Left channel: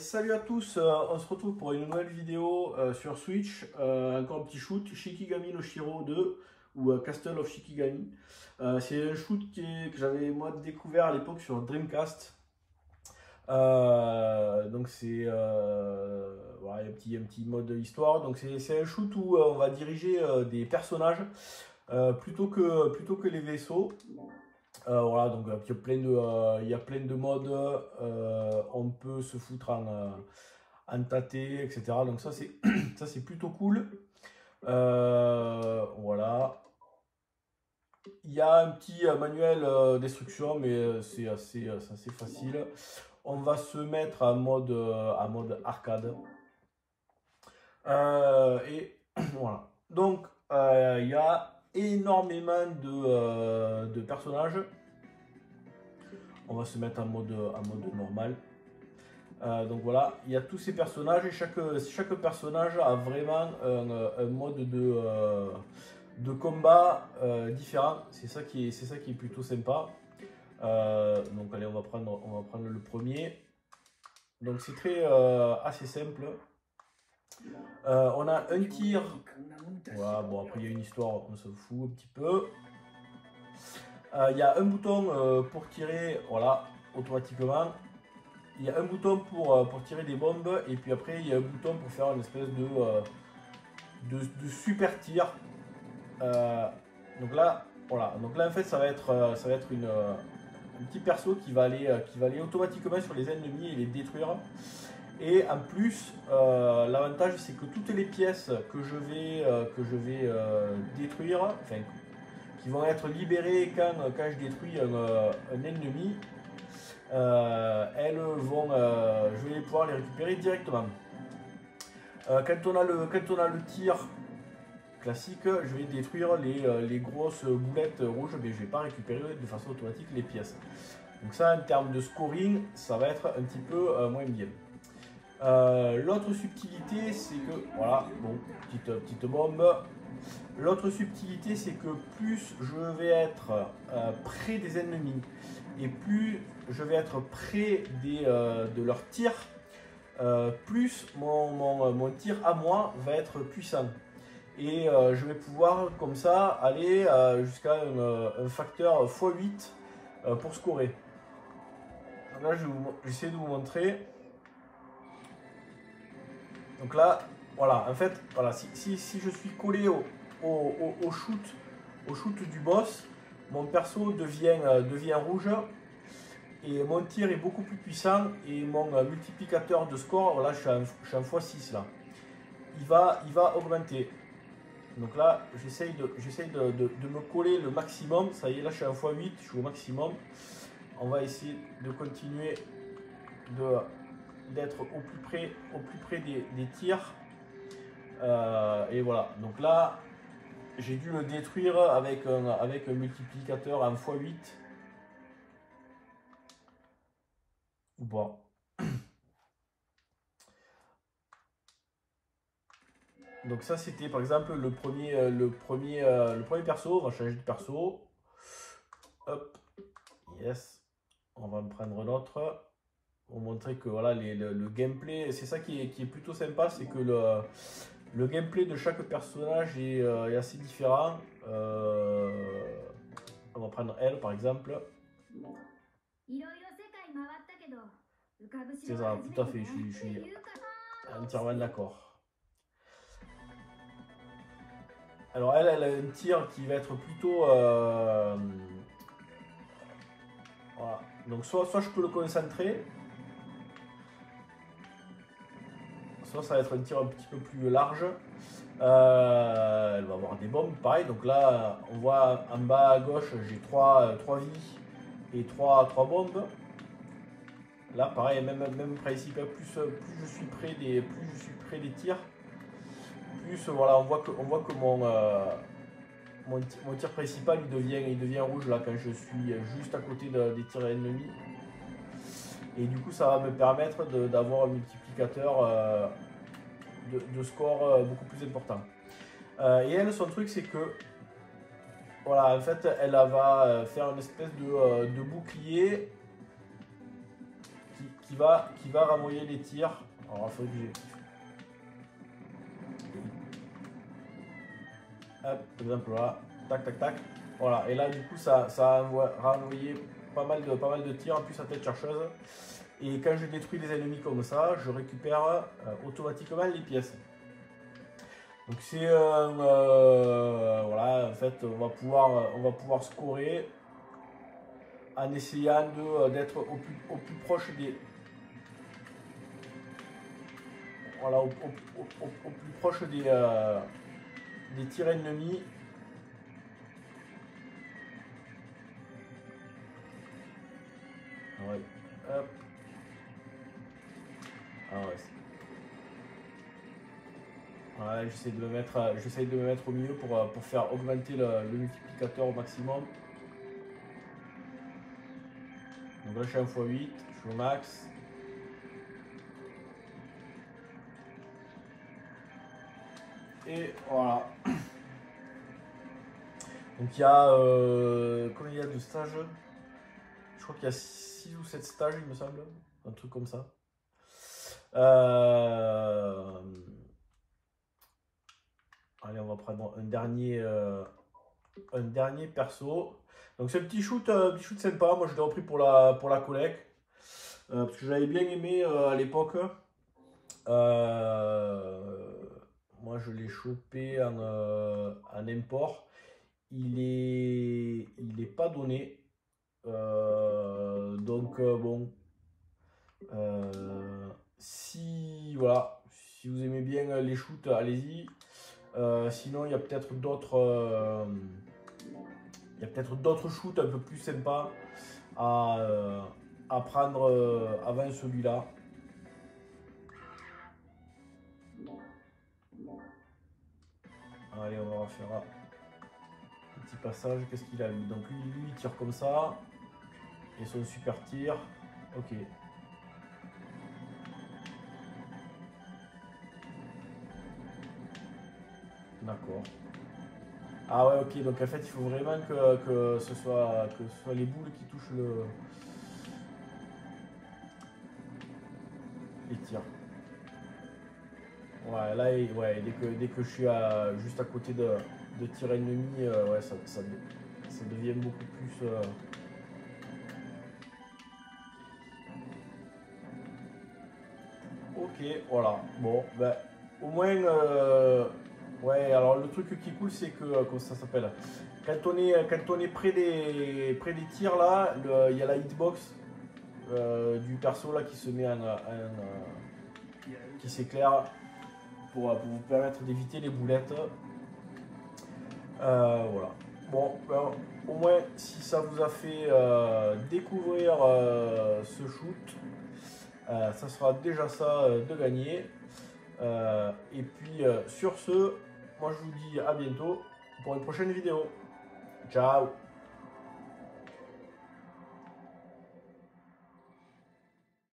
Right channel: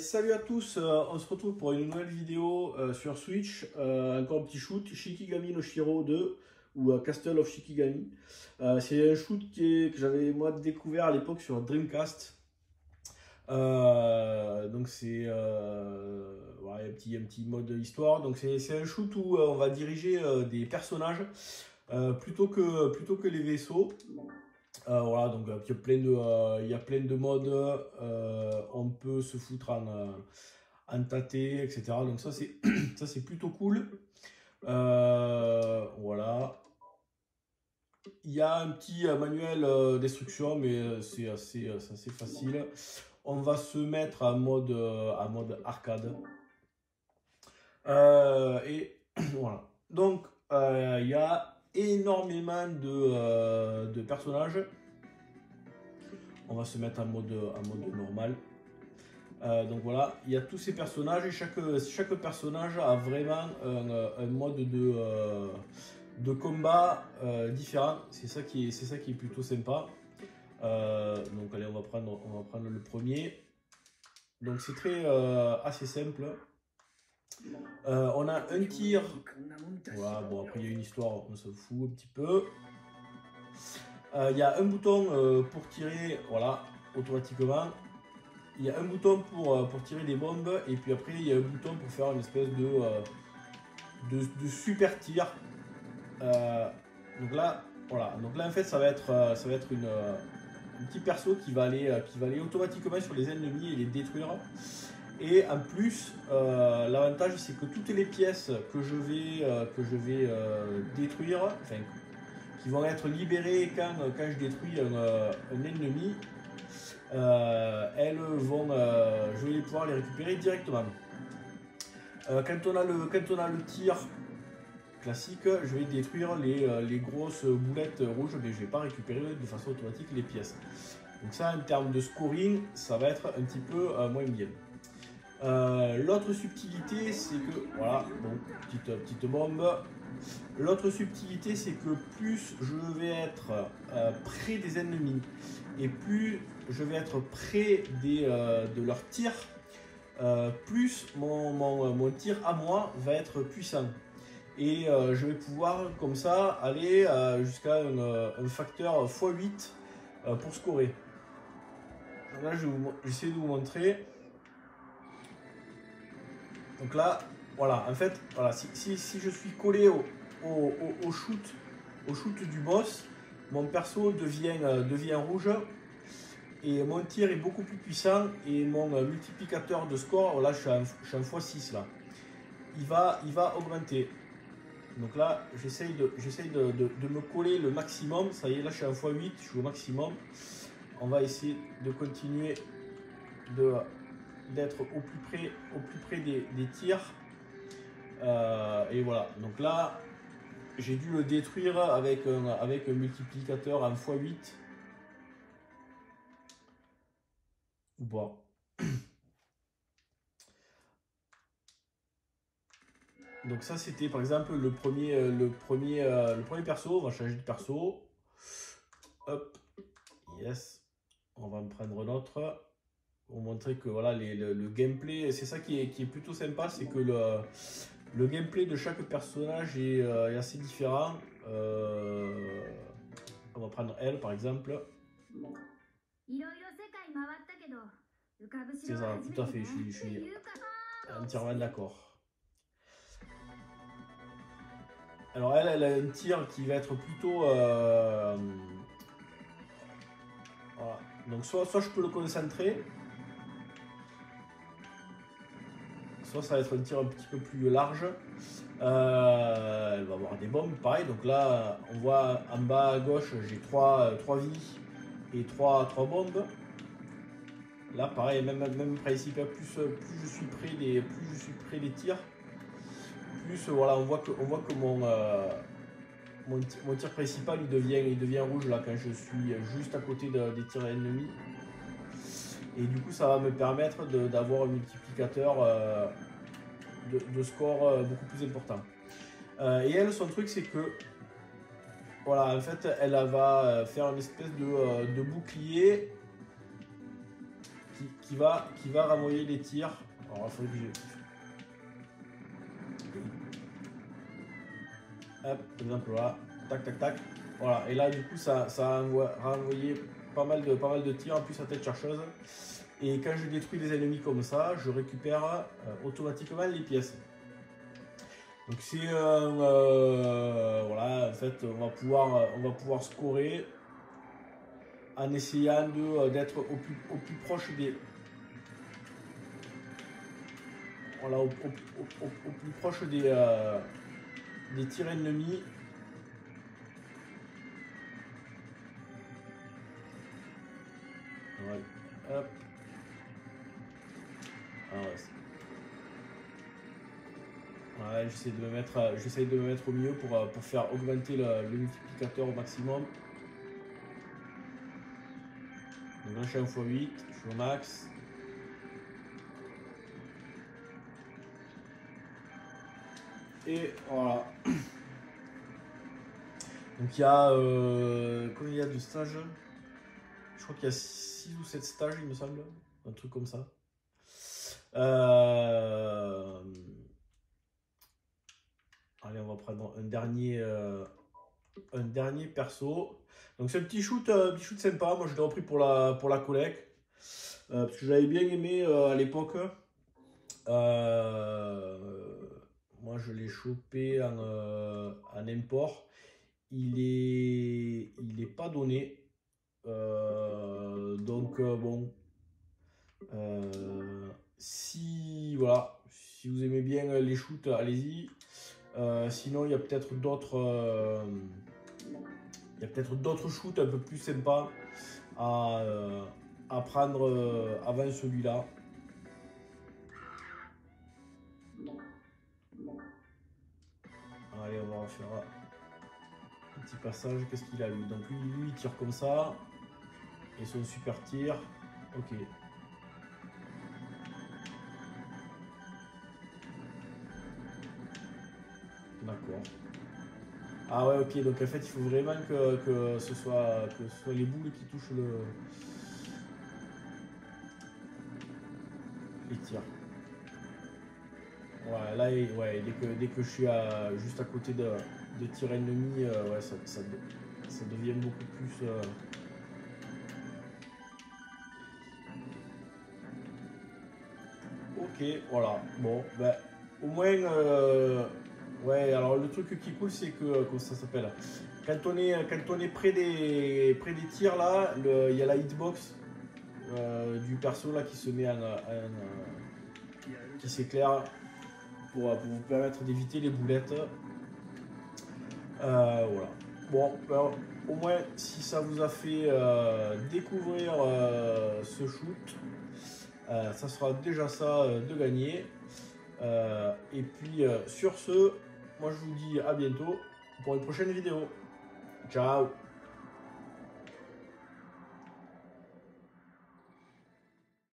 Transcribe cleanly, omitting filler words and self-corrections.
Salut à tous, on se retrouve pour une nouvelle vidéo sur Switch, encore un petit shoot, Shikigami no Shiro 2 ou Castle of Shikigami. C'est un shoot que j'avais moi découvert à l'époque sur Dreamcast. Donc c'est voilà, un petit mode histoire. Donc c'est un shoot où on va diriger des personnages plutôt que les vaisseaux. Voilà, donc il y a plein de modes, on peut se foutre en tâté, etc. Donc ça c'est ça c'est plutôt cool. Voilà. Il y a un petit manuel d'instruction, mais c'est assez facile. On va se mettre en mode arcade. Et voilà. Donc il y a énormément de personnages. On va se mettre en mode normal. Donc voilà, il y a tous ces personnages et chaque personnage a vraiment un mode de combat différent. C'est ça qui est plutôt sympa. Donc allez, on va prendre le premier. Donc c'est assez simple. On a un tir. Voilà, bon après il y a une histoire, on se fout un petit peu. Il y a un bouton pour tirer, voilà, automatiquement. Il y a un bouton pour tirer des bombes et puis après il y a un bouton pour faire une espèce de super tir. Donc là, voilà. Donc là en fait ça va être un petit perso qui va aller automatiquement sur les ennemis et les détruire. Et en plus, l'avantage c'est que toutes les pièces que je vais détruire, enfin qui vont être libérées quand je détruis un ennemi, je vais pouvoir les récupérer directement. Quand on a le tir classique, je vais détruire les grosses boulettes rouges, mais je ne vais pas récupérer de façon automatique les pièces. Donc ça, en termes de scoring, ça va être un petit peu moins bien. L'autre subtilité, c'est que, voilà, bon, petite bombe. L'autre subtilité, c'est que plus je vais être près des ennemis et plus je vais être près de leur tir, plus mon tir à moi va être puissant. Et je vais pouvoir comme ça aller jusqu'à un facteur x8 pour scorer. Donc là, j'essaie de vous montrer. Donc là, voilà, en fait, voilà, si je suis collé au shoot du boss, mon perso devient rouge et mon tir est beaucoup plus puissant et mon multiplicateur de score, là je suis en x6 là, il va augmenter. Donc là, j'essaye de me coller le maximum. Ça y est, là je suis en x8, je suis au maximum. On va essayer de continuer d'être au plus près des tirs. Et voilà, donc là j'ai dû le détruire avec un multiplicateur en x8 ou pas. Donc ça c'était par exemple le premier perso. On va changer de perso. Hop, yes, on va me prendre un autre. Pour montrer que voilà, le gameplay, c'est ça qui est plutôt sympa, c'est que le gameplay de chaque personnage est assez différent. On va prendre elle par exemple. C'est ça, tout à fait, je suis entièrement d'accord. Alors elle a un tir qui va être plutôt... voilà. Donc soit je peux le concentrer, soit ça va être un tir un petit peu plus large. Elle va avoir des bombes, pareil. Donc là, on voit en bas à gauche, j'ai 3 vies et 3 bombes. Là, pareil, même principe. Plus je suis près des tirs, plus voilà, on voit que mon tir principal il devient rouge là quand je suis juste à côté des tirs ennemis. Et du coup, ça va me permettre d'avoir un multiplicateur de score beaucoup plus important. Et elle, son truc, c'est que voilà, en fait, elle va faire une espèce de bouclier qui va renvoyer les tirs. Alors, il faut que hop, par exemple là, tac tac tac. Voilà, et là du coup ça a renvoyé pas mal de tirs en plus à tête chercheuse. Et quand je détruis les ennemis comme ça, je récupère automatiquement les pièces. Donc c'est voilà, en fait on va pouvoir scorer en essayant d'être au plus proche des voilà au plus proche des tirs ennemis. Ouais, hop. Ah ouais, ouais, j'essaie de me mettre au milieu pour faire augmenter le multiplicateur au maximum. Donc là je suis en x8, je suis au max. Et voilà. Donc il y a combien il y a de stages? Je crois qu'il y a 6 ou 7 stages il me semble. Un truc comme ça. Allez, on va prendre un dernier perso. Donc c'est un petit shoot sympa. Moi je l'ai repris pour la collecte. Parce que j'avais bien aimé à l'époque. Moi je l'ai chopé en import. Il est pas donné. Donc bon. Si voilà, si vous aimez bien les shoots, allez-y. Sinon, il y a peut-être d'autres shoots un peu plus sympas à prendre avant celui-là. Allez, on va refaire un petit passage. Qu'est-ce qu'il a lui? Donc lui, il tire comme ça. Et son super tir. Ok. D'accord. Ah ouais, ok, donc en fait il faut vraiment que ce soit les boules qui touchent les tirs. Ouais, là, ouais, dès que je suis juste à côté de tir ennemi, ouais, ça devient beaucoup plus... Ok, voilà. Bon, ben, au moins... ouais, alors le truc qui est cool, c'est que... comment ça s'appelle? Quand on est près des tirs, là, il y a la hitbox du perso là qui se met qui s'éclaire pour vous permettre d'éviter les boulettes. Voilà. Bon, ben, au moins, si ça vous a fait découvrir ce shoot, ça sera déjà ça de gagner. Et puis, sur ce, moi je vous dis à bientôt pour une prochaine vidéo. Ciao!